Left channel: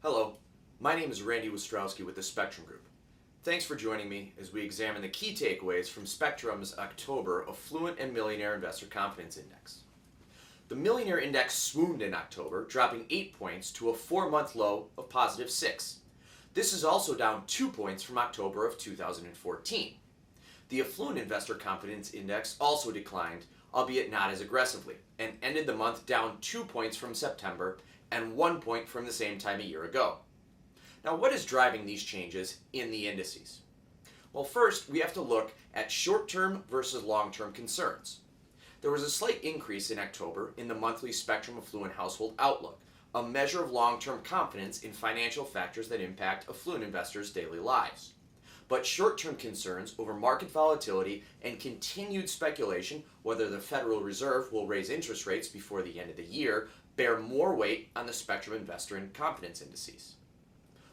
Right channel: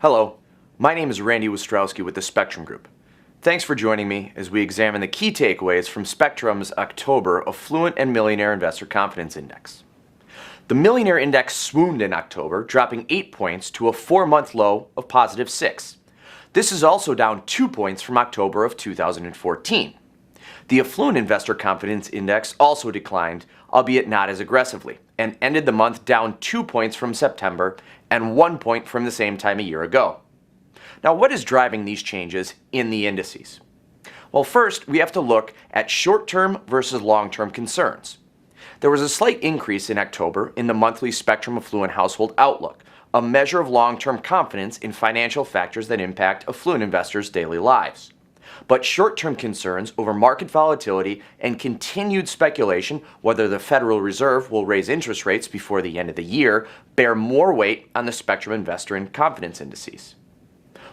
Hello, my name is Randy Ostrowski with the Spectrem Group. Thanks for joining me as we examine the key takeaways from Spectrem's October Affluent and Millionaire Investor Confidence Index. The Millionaire Index swooned in October, dropping 8 points to a 4-month low of positive 6. This is also down 2 points from October of 2014. The Affluent Investor Confidence Index also declined, albeit not as aggressively, and ended the month down 2 points from September and 1 point from the same time a year ago. Now, what is driving these changes in the indices? Well, first, we have to look at short-term versus long-term concerns. There was a slight increase in October in the monthly Spectrem Affluent Household Outlook, a measure of long-term confidence in financial factors that impact affluent investors' daily lives. But short-term concerns over market volatility and continued speculation whether the Federal Reserve will raise interest rates before the end of the year bear more weight on the Spectrem Investor and Confidence Indices.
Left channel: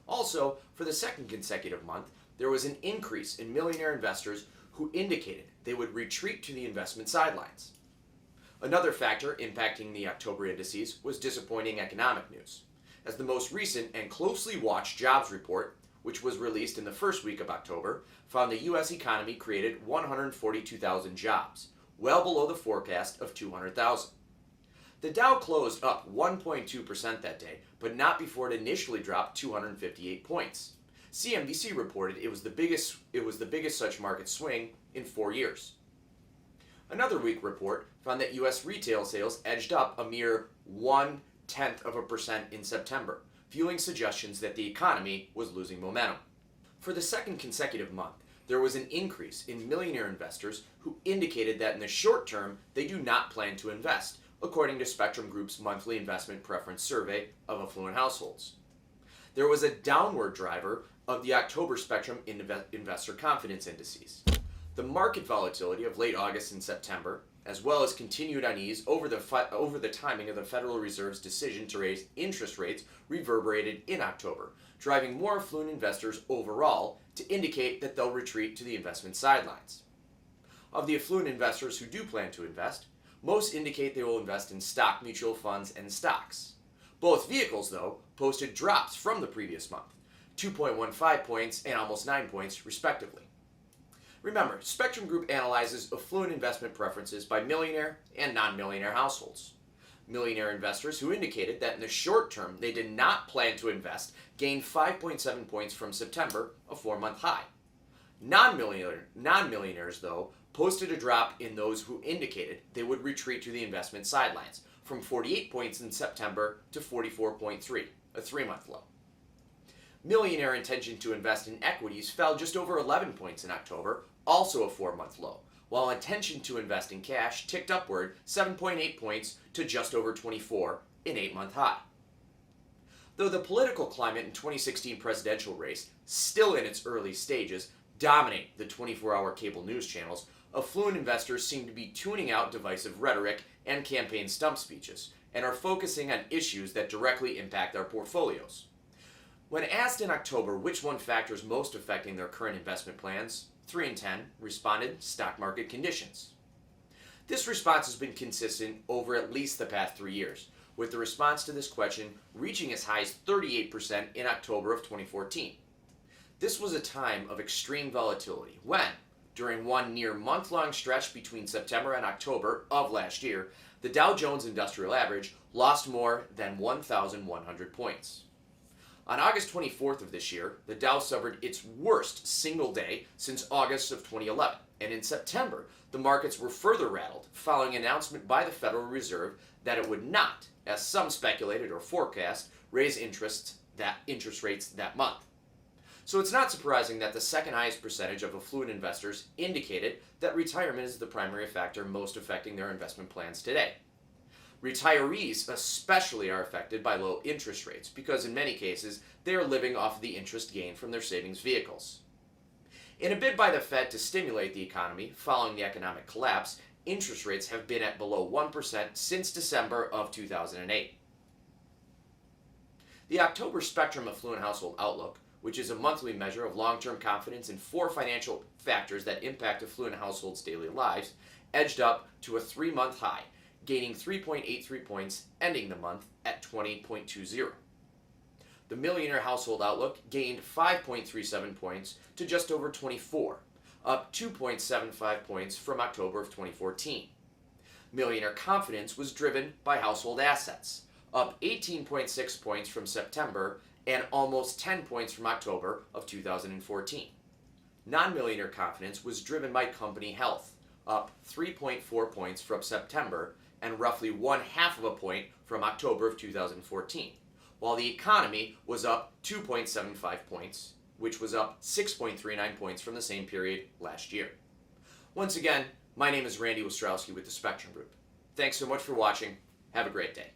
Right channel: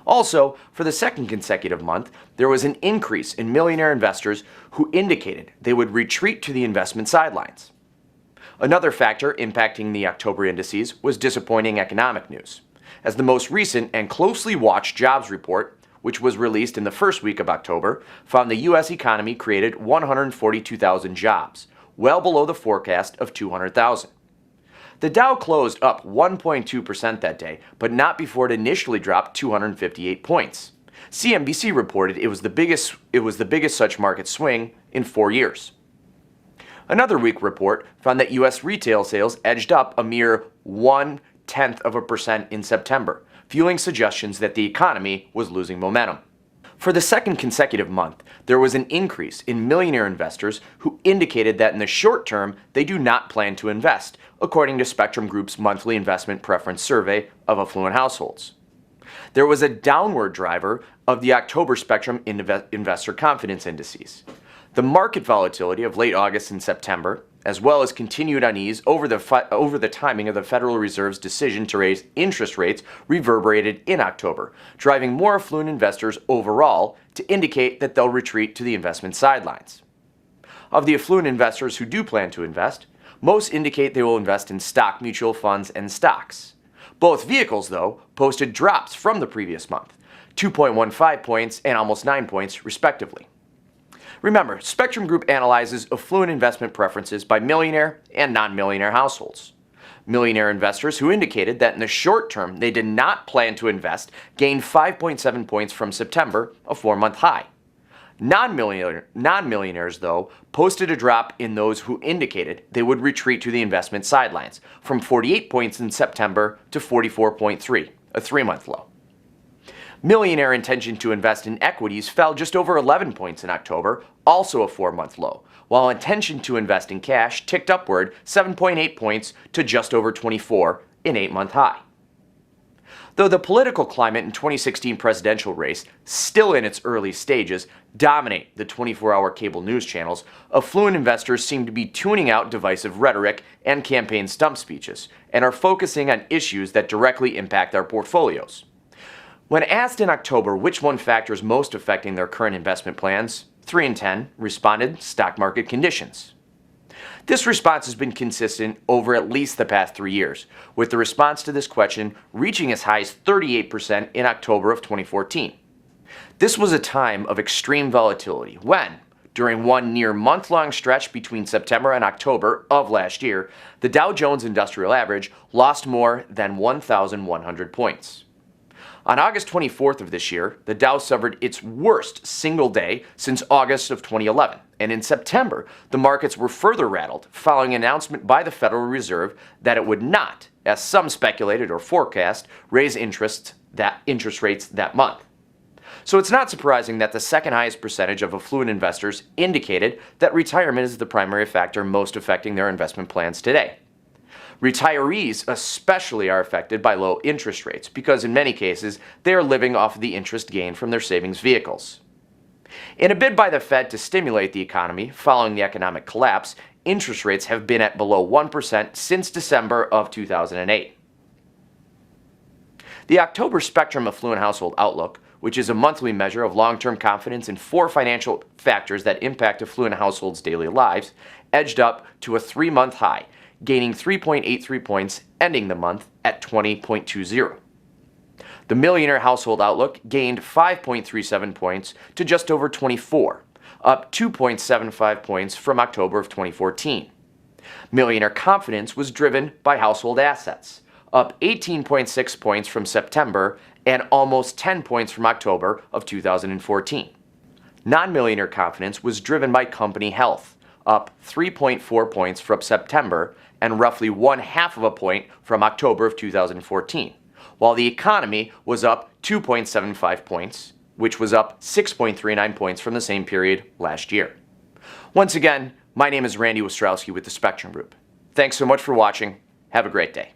Also, for the second consecutive month, there was an increase in millionaire investors who indicated they would retreat to the investment sidelines. Another factor impacting the October indices was disappointing economic news, as the most recent and closely watched jobs report, which was released in the first week of October, found the U.S. economy created 142,000 jobs, well below the forecast of 200,000. The Dow closed up 1.2% that day, but not before it initially dropped 258 points. CNBC reported it was the biggest such market swing in 4 years. Another weak report found that U.S. retail sales edged up a mere 0.1% in September, fueling suggestions that the economy was losing momentum. For the second consecutive month, there was an increase in millionaire investors who indicated that in the short term they do not plan to invest, according to Spectrem Group's monthly investment preference survey of affluent households. There was a downward driver of the October Spectrem Investor Confidence Indices. The market volatility of late August and September, as well as continued unease over the timing of the Federal Reserve's decision to raise interest rates, reverberated in October, driving more affluent investors overall to indicate that they'll retreat to the investment sidelines. Of the affluent investors who do plan to invest, most indicate they will invest in stock mutual funds and stocks. Both vehicles, though, posted drops from the previous month, 2.15 points and almost 9 points, respectively. Remember, Spectrem Group analyzes affluent investment preferences by millionaire and non-millionaire households. Millionaire investors who indicated that in the short term they did not plan to invest gained 5.7 points from September, a 4-month high. Non-millionaires, though, posted a drop in those who indicated they would retreat to the investment sidelines, from 48 points in September to 44.3, a 3-month low. Millionaire intention to invest in equities fell just over 11 points in October, also a 4-month low, while intention to invest in cash ticked upward 7.8 points to just over 24, an 8-month high. Though the political climate in 2016 presidential race, still in its early stages, dominate the 24-hour cable news channels, affluent investors seem to be tuning out divisive rhetoric and campaign stump speeches, and are focusing on issues that directly impact their portfolios. When asked in October which one factor is most affecting their current investment plans, 3 in 10 responded stock market conditions. This response has been consistent over at least the past 3 years, with the response to this question reaching as high as 38% in October of 2014. This was a time of extreme volatility when, during one near month-long stretch between September and October of last year, the Dow Jones Industrial Average lost more than 1,100 points. On August 24th of this year, the Dow suffered its worst single day since August of 2011, and in September, the markets were further rattled following an announcement by the Federal Reserve that it would not, as some speculated or forecast, raise interest rates that month. So it's not surprising that the second highest percentage of affluent investors indicated that retirement is the primary factor most affecting their investment plans today. Retirees especially are affected by low interest rates because in many cases they are living off of the interest gained from their savings vehicles. In a bid by the Fed to stimulate the economy following the economic collapse, interest rates have been at below 1% since December of 2008. The October Spectrem Affluent Household Outlook, which is a monthly measure of long-term confidence in 4 financial factors that impact affluent households' daily lives, edged up to a 3-month high, gaining 3.83 points, ending the month at 20.20. The Millionaire Household Outlook gained 5.37 points to just over 24, up 2.75 points from October of 2014. Millionaire Confidence was driven by household assets, up 18.6 points from September and almost 10 points from October of 2014. Non-Millionaire Confidence was driven by company health, up 3.4 points from September and roughly 1/2 of a point from October of 2014, while the economy was up 2.75 points, which was up 6.39 points from the same period last year. Once again, my name is Randy Ostrowski with the Spectrem Group. Thanks so much for watching. Have a great day.